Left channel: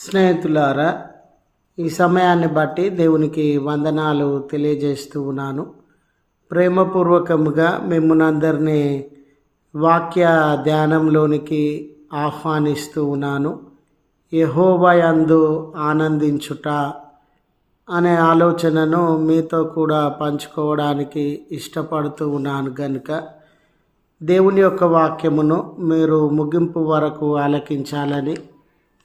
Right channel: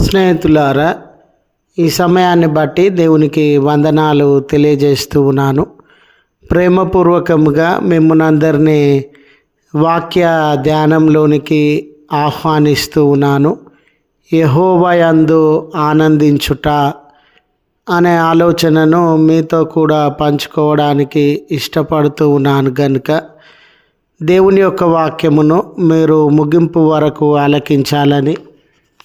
స్నేహితులారా ఈ సమయాన్ని బట్టి దేవునికి వందనాలు తెలియజేస్తూ ఉన్నాను. ప్రేమపూర్వకముగా మిమ్మల్ని వాక్య ధ్యానంలోనికి ఆహ్వానిస్తూ ఉన్నాను. యహోవయందు ఆనందించుట అనే ఆలోచనను మీతో కూడా పంచుకోవడానికి ఇష్టపడుతూ ఉన్నాను కనుక దేవుని యొక్క వాక్యమును మీరు ముగింపు వరకు ఆలకించాలని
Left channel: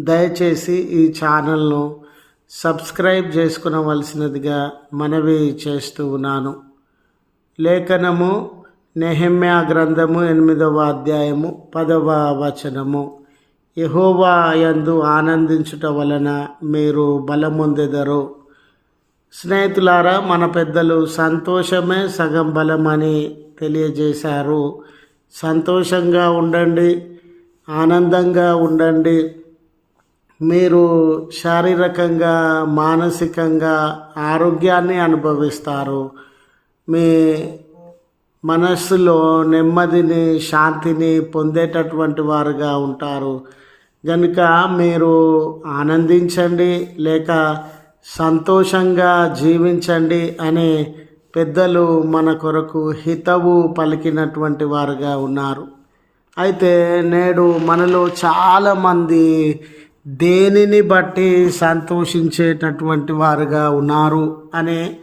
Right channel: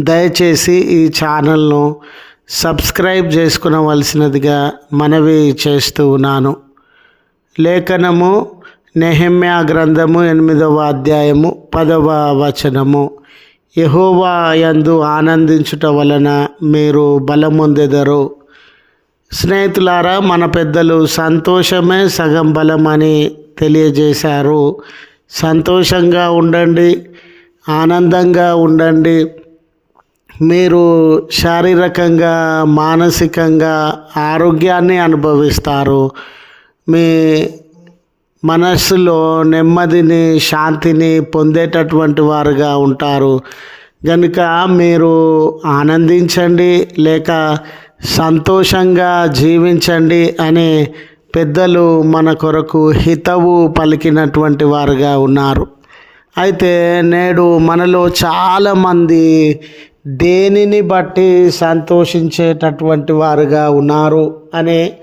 దయచేసి ఈ ఛానల్ను సబ్స్క్రైబ్ చేసుకునవలసినదిగా మనవి చేస్తూ ఉన్నాను. లేఖనము నెహమ్యా గ్రంథము ఎనిమిదవ అధ్యాయము పదవ వచనము. యహోవా యందు ఆనందించుట వలన మీరు బలముందెదరు. స్నేహితులారా మన పెద్దలు సంతోషమే సగం బలం అని తెలియజేశారు. సంతోషంగా ఉండండి ఆనందంగా ఉండండి. మీరు శారీరకంగా మానసికంగా ఆరోగ్యాన్ని అనుభవిస్తారు. మీ మనస్సులో నెమ్మదిని శాంతిని పొందేటటువంటి వారుగా ఉంటారు. కనుక మీరు ఆనందించండి లేక సంతోషంగా జీవించండి అని పెద్దలు మన కొరకు హితవు పలికినటువంటి వారుగా ఉన్నారు. అయితే నేడు మనలో చాలామంది దేనిని బట్టి సంతోషించేటటువంటి వారుగా ఉన్నారు అనే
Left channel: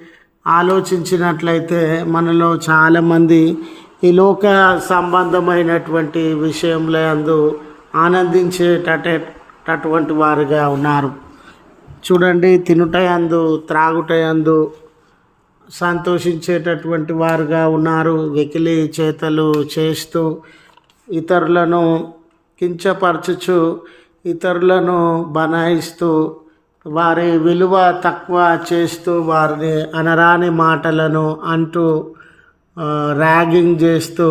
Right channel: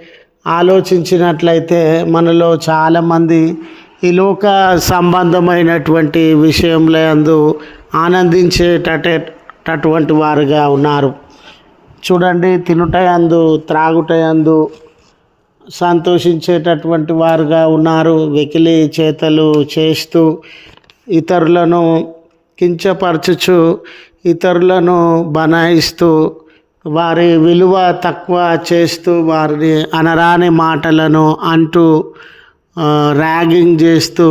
ఆలోచించినట్లయితే మనలో చాలామంది ఈ లోక సంబంధమైనటువంటి విషయంలో అందు ఆనందించేటటువంటి వారుగా ఉన్నారు. చూడండి తినుటయందు త్రాగుటయందు సంతోషించేటటువంటి వారుగా ఉన్నారు. వెకిలి చేతలు చేస్తూ ఇతరులను కించపరచుచు ఇతరులను బనాయిస్తూ వారి విలువ తక్కువ చేస్తూ వారిని అనరాని మాటలను అంటూ ర్యాగింగ్ చేస్తూ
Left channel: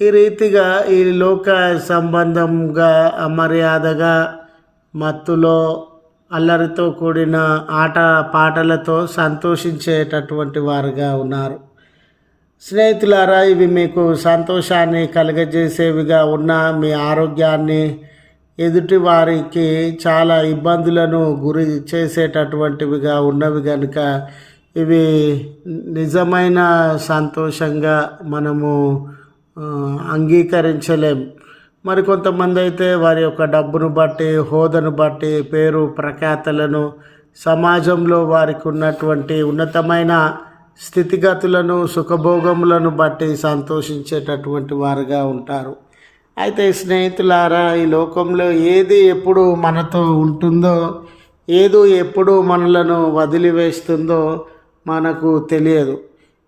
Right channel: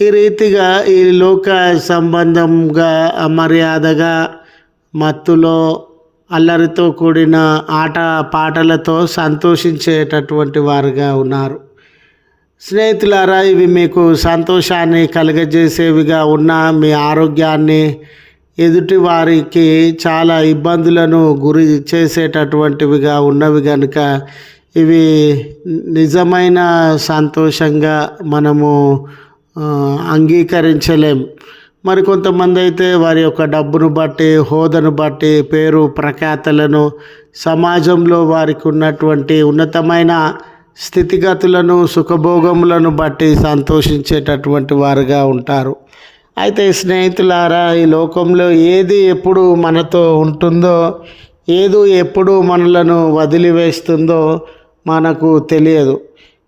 ఈ రీతిగా ఈ లోక సంబంధంగా అమర్యాదగా మత్తులో అల్లరితో కూడిన ఆట పాటలతో సంతోషించేటటువంటి వారుగా ఉన్నారు. స్నేహితులారా ఇవి మీకు సంతోషాన్ని కలగజేసేవిగా ఉన్న మీ ఆరోగ్యాన్ని ఎదుటి వారికి చాలా ఇబ్బందులను గురి చేసేటటువంటివిగా ఉన్నవి కనుక ఇవి నిజమైన సంతోషంగా మనము అంగీకరించలేం. మరి కొంతమంది అయితే వారి యొక్క డబ్బును బట్టి హోదాను బట్టి పేరు ప్రఖ్యాతలను సమాజంలో వారికి ఉన్నటువంటి ఉన్నతమైన స్థితిగతులను సుఖభోగములను బట్టి సంతోషించేటటువంటి వారుగా ఉంటారు. అయితే స్నేహితులారా ఈ లోకంలో ఏది ఎప్పుడు మనతో ఉంటుందో ఏదో ఎప్పుడు మనలను వదిలివేస్తుందో మనకు తెలియదు.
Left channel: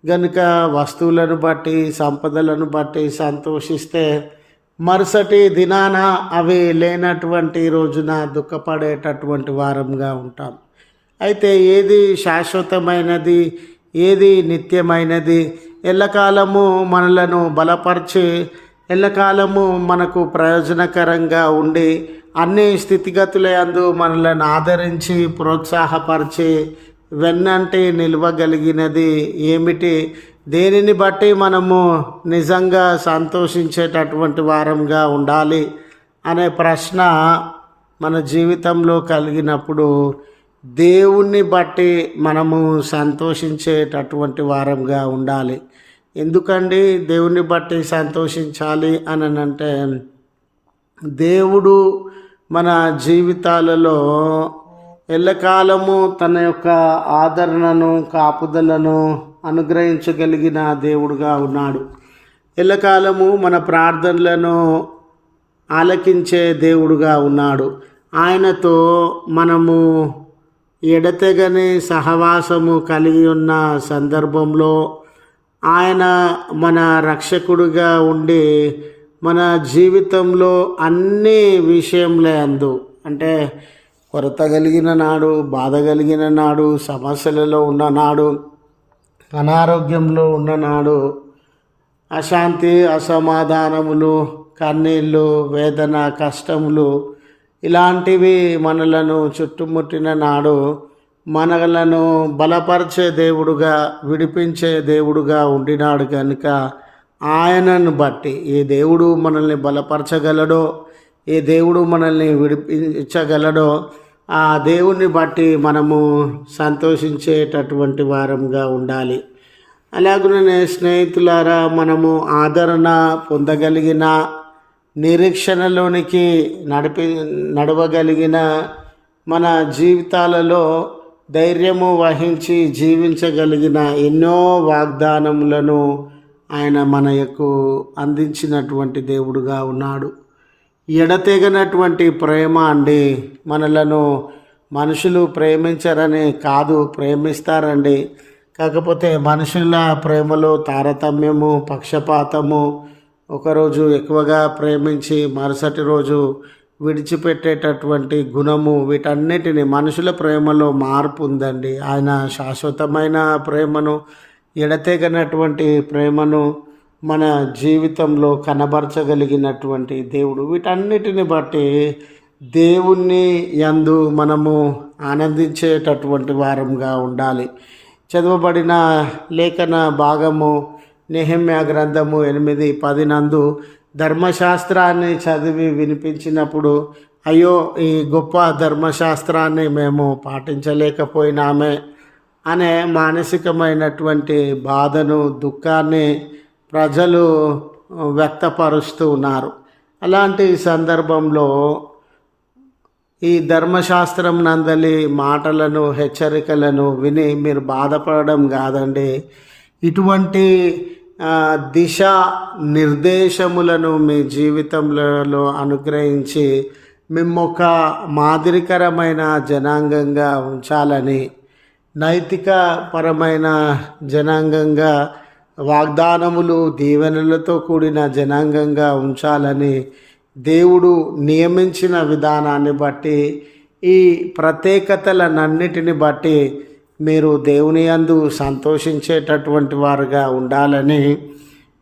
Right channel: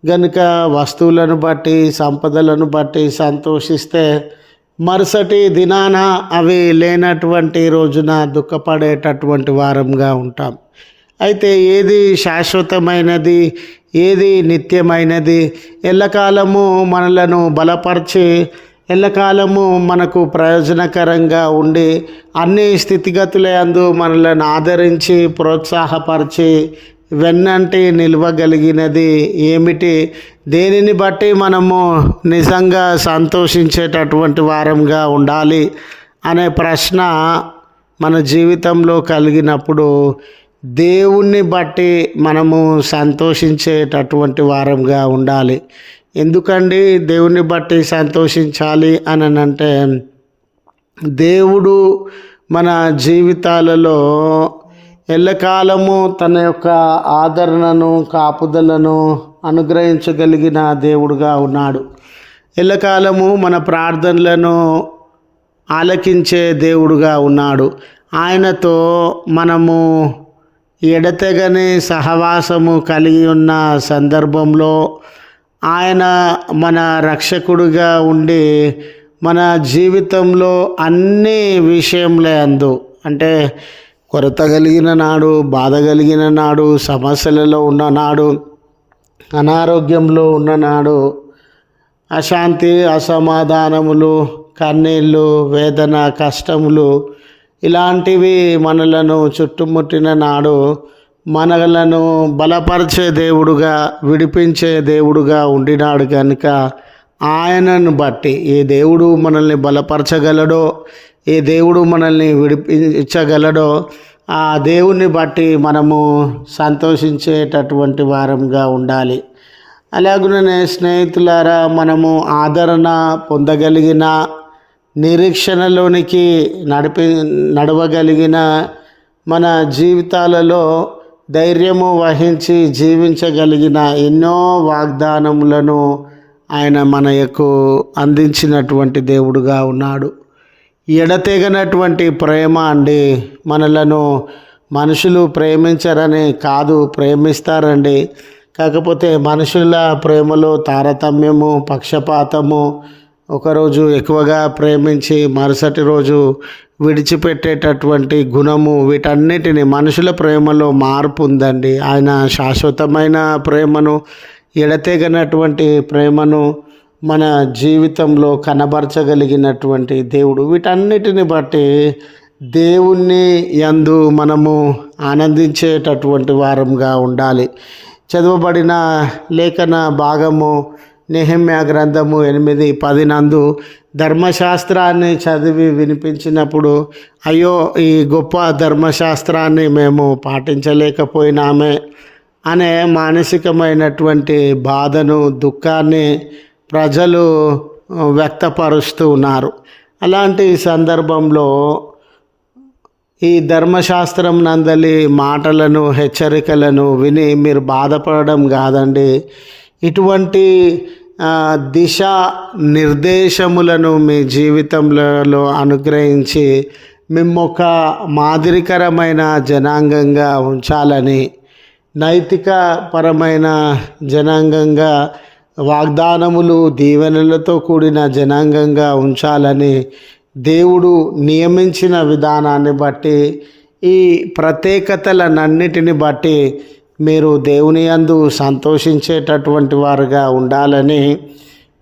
గనుక వస్తువులను బట్టి సంపదలను బట్టి సంతోషిస్తే మరుసటి దినాన అవి లేనటువంటి రోజున దుఃఖపడేటటువంటి వారంగా ఉంటాం. అయితే ఏది శాశ్వతమైనది ఏది నిత్యమైనది ఎల్లకాలము మనలను బలపరిచి ఎల్లకాలము మనకు ప్రయోజనకరంగా ఉండి అన్ని స్థితిగతులందు మనలను ఆదరించి ప్రోత్సాహపరిచి వెన్నంటి నిలవగలిగినది ఏమిటి? దేనిని బట్టి మనము నిజంగా సంతోషించేటటువంటి వారంగా ఉండాలి అనే ప్రశ్న మన జీవితంలో కలిగినప్పుడు దేవుణ్ణి బట్టి మనము సంతోషించేటటువంటి వారంగా ఉండాలి. ఎందుకండి దేవుని బట్టి సంతోషించాలి అని అంటే దేవుడు మన జీవితాలలో ఎల్లకాలము తన యొక్క ఆదరణను కాపుదలను అనుగ్రహించగలిగిన దేవుడుగా ఉన్నాడు. ఎల్లకాలము మన ప్రార్థనలను ఆలకించే దేవుడుగా ఉన్నాడు. ఆయనతో మనము ఎడతెగని సహవాసము కలిగి ఉన్న సందర్భంలో ఆయన మన రక్షకుడుగా ఉండి మన జీవితంలో అన్ని విషయంలో అందు. అంటే కొరత కలిగిన నాడు బాధ కలిగిన నాడు సమస్యలలో ఉన్న నాడు అనారోగ్యంలో ఉన్న నాడు అశాంతి అసమాధానములు కన్నీళ్ళు వేదన కష్టములు ఇలాంటివి మనలను చుట్టుముట్టిన నాడు మనలను బలపరిచే దేవుడుగా విడిపించే దేవుడుగా ఉండినాడు కనుక ఆయనను బట్టి ఏ దేవుడు మనల్ని బలపరచగలడో ఏ దేవుడు మనల్ని విడిపించగలడో ఆ దేవుని బట్టి మనము సంతోషించేటటువంటి వారంగా ఉండాలి. అలాగనే స్నేహితులారా మనము ఆదరణ పొందగలిగిన నిరీక్షణలోనికి నడిపి నడవగలిగిన మన జీవితాలలో ధైర్యము వహించి జీవించగలిగిన ఎన్నో వాగ్దానములను ఆయన మనకు అందించినటువంటి దేవుడుగా ఉన్నాడు. ఎడతెగనటువంటి ప్రేమ అండి. మనలను మనుషులు ప్రేమించరని కాదు ప్రేమిస్తారండి. కాకపోతే మనుషుల ప్రేమలో తారతమ్యము పక్షపాతము ఒకరోజు ఎక్కువగా ప్రేమించి మరుసటి రోజు విడిచిపెట్టేటటువంటి గుణము వీటన్నిటిని మనుషుల ప్రేమలో మార్పు ఉందండి. ఆయన శాశ్వతమైన ప్రేమను ఎడతెగనటువంటి ప్రేమను మన జీవితంలో కనబరచగలిగినటువంటి దేవుడు. వీటన్నిటిని బట్టి దేవుణ్ణి యందు మనము ఆనందించేటటువంటి వారంగా ఉండాలి. చదవబడిన లేఖన భాగము నెహమ్య గ్రంథము ఎనిమిది పది నందు ధర్మశాస్త్రాన్ని చదివి వినిపించినప్పుడు అయ్యో ఈ గొప్ప ధర్మశాస్త్రాన్ని మేము పాటించలేకపోయినామే అనే మానసికమైనటువంటి బాధను దుఃఖాన్ని ప్రజలు వ్యక్తపరుస్తూ ఉన్నారు. అలాంటి సందర్భంలో ఈ ధర్మశాస్త్రం నందలి మాటలను హెచ్చరికలను విని మీరు బాధపడడం కాదండి. ఇటువంటి దిశ నిర్దేశములను మీ జీవితంలో అనుగ్రహించి మిమ్మొక మాదిరికరమైన జనాంగంగా ఉంచాలని నైతిక పరమైన జనాంగంగా వాగ్దానములు దీవెనలతో కూడిన జనాంగంగా ఉంచాలని దేవుడు నియమించిన విధానాన్ని బట్టి ఈ ప్రత్యేకతలనన్నిటిని బట్టి మీరు దేవుని అందు సంతోషించేటటువంటి వారుగా ఉండాలని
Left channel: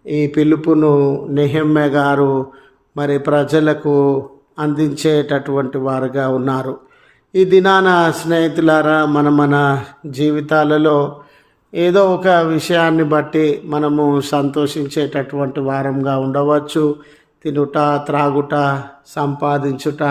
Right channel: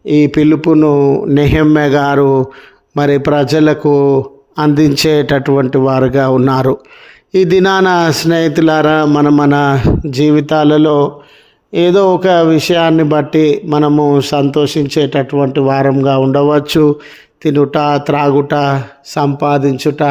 ఈ పిలుపును నెహమ్య గారు మరి ప్రజలకు అందించేటటువంటి వారుగా ఉన్నారు. ఈ దినాన స్నేహితులారా మన మన జీవితాలలో ఏదో ఒక విషయాన్ని బట్టి మనము సంతోషించేటటువంటి వారంగా ఉండవచ్చు. తినుట త్రాగుట సంపాదించుట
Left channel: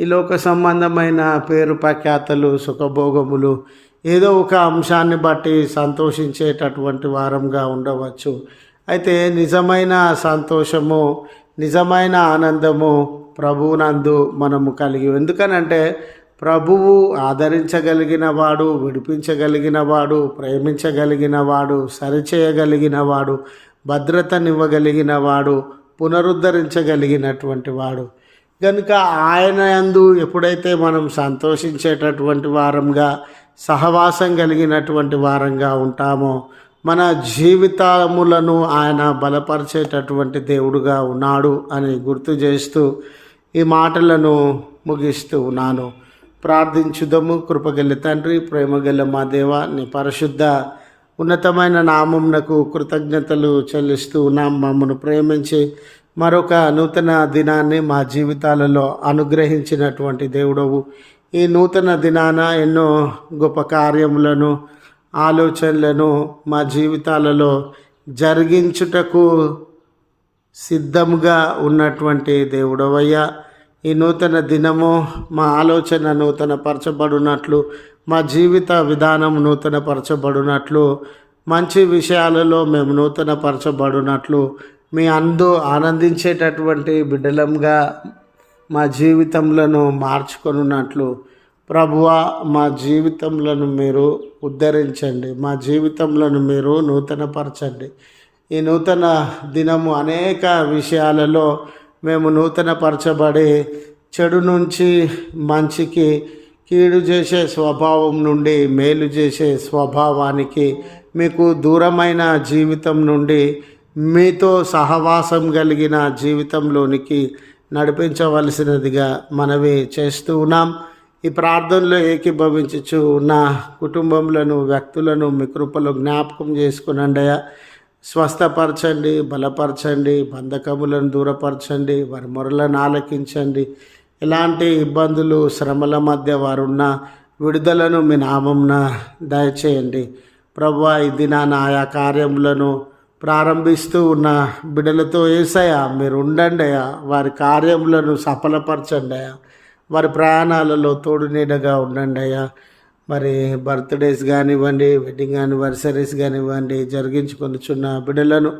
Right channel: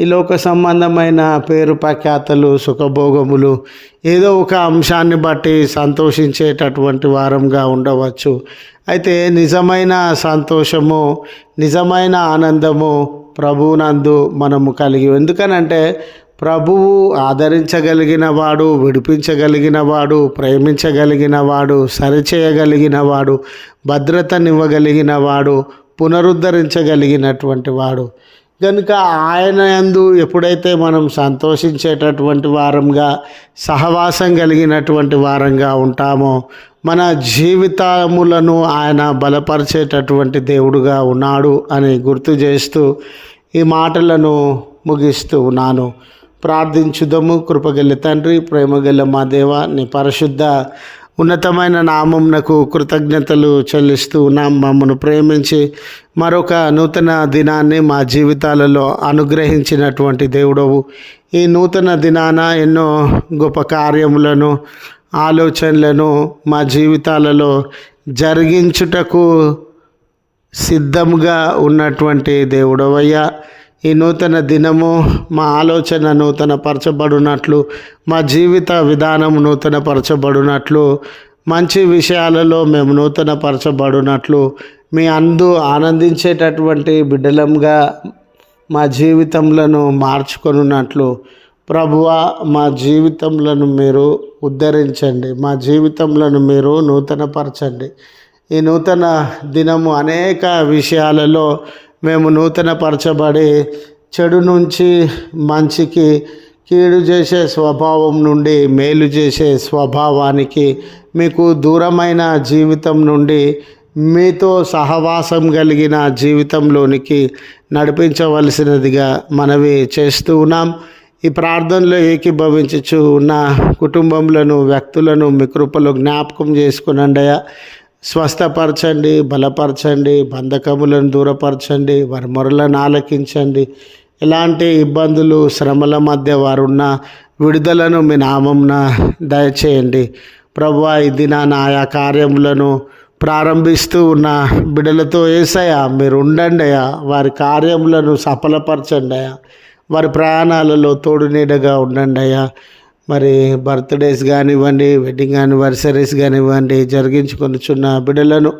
ఈ లోక సంబంధమైన పేరు ప్రఖ్యాతలు సుఖభోగములు ఏదో ఒక అంశాన్ని బట్టి సంతోషించేటటువంటి వారంగా ఉండవచ్చు. అయితే నిజమైన సంతోషము నిజమైన ఆనందము ప్రభువునందు మనము కలిగి ఎందుకనంటే ప్రభువు ఆదరించగలిగిన వాడు విడిపించగలిగిన వాడు ప్రేమించగలిగిన వాడు సరిచేయగలిగిన వాడు భద్రతనివ్వగలిగిన వాడు పునరుద్ధరించగలిగినటువంటి వాడు. కనుక ఆయన యందు ఎప్పుడైతే మనం సంతోషించేటటువంటి వారంగా సహవాసం కలిగినటువంటి వారంగా ఉంటామో మన జీవితములను ఆయన బలపరిచేటటువంటి దేవుడుగా ఉన్నాడు అని గుర్తు చేస్తూ ఈ మాటలను ముగిస్తూ ఉన్నాను. ప్రార్థించుదము. కృపగల తండ్రి ప్రేమగల మా దేవ నీ పరిశుద్ధ ఉన్నతమైన నామంనకు కృతజ్ఞతలు చెల్లిస్తూ ఉన్నాం. మమ్మను ప్రేమించి మరొక నూతన దినాన్ని మా జీవితాలలో అనుగ్రహించినటువంటి దేవుడవు. ఈ నూతన దినాన ఎన్నో గొప్ప కార్యములను ఆలోచనలను మా జీవితాలలో జరిగించుటకు సిద్ధంగా ఉన్నటువంటి దేవుడవయ్యా. ఈ నూతన దినము మా ఆలోచన నూతన పరచబడినట్లు మా జీవిత విధానం నూతన పరచబడినట్లు మంచి విషయాలలో మేము నూతన పరచబడినట్లు మీ అందు ఆనందించేటటువంటి బిడ్డలంగా మా జీవితంలో మార్చుకొనున్నట్లు. ప్రభువ మా జీవితంలో మీరు ఉద్ధరించండి మా జీవితంలో మీరు నూతనపరచండి. ఈ నూతన దినము అనేక విషయాలలో మేము నూతనపరచబడి చెడు నుంచి మంచికి కీడు చేసే స్వభావం నుండి మేలు చేసే స్వభావానికి మీకు దూరమైన జీవితం నుండి మీతో సహవాసం కలిగిన జీవితంలోనికి నడిపించవలసినదిగా మనవి చేస్తూ ఉన్నాం. ఈ ప్రార్థనలో ఏకీభవించచ్చు ఉన్న కుటుంబంలోను వ్యక్తులను మీ కృపలో జ్ఞాపకం చేసుకునండయా స్వస్థపరచండి బలపరచండి బంధకములను దూరపరచండి వారి మొరలను ఆలకించండి. ఎలాంటి ఇబ్బందులు శ్రమల మధ్య వారున్న విడుదలను మీ నామంన దయచేయండి. ప్రభు ఇది నా ఆయా కార్యములను ప్రారంభిస్తూ ఉన్న బిడలతో ఏసయ్యా మీరు ఉండండి అయ్యా. వారి కార్యములను సఫలపరచండి అయ్యా. వారి ప్రయాణాలలో తోడు నీడగా ఉండండి అయ్యా. మరి బర్త్డేస్ కానివ్వండి వెడ్డింగ్ యానివర్సరీస్ కానివ్వండి జరిగించుకొనిచున్న బిడ్డలను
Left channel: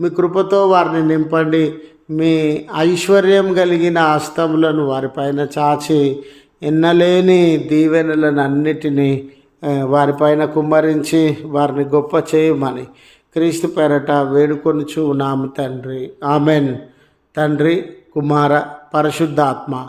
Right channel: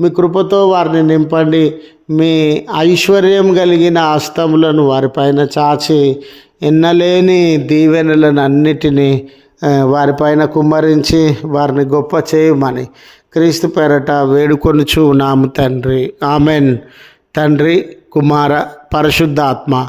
మీ కృపతో వారిని నింపండి. మీ ఐశ్వర్యం కలిగిన హస్తములను వారిపైన చాచి ఎన్నలేని దీవెనలను అన్నిటినీ వారిపైన కుమ్మరించి వారిని గొప్ప చేయమని క్రీస్తు పేరట వేడుకొనుచు నాము తండ్రి. ఆమెన్. తండ్రి కుమార పరిశుద్ధాత్మ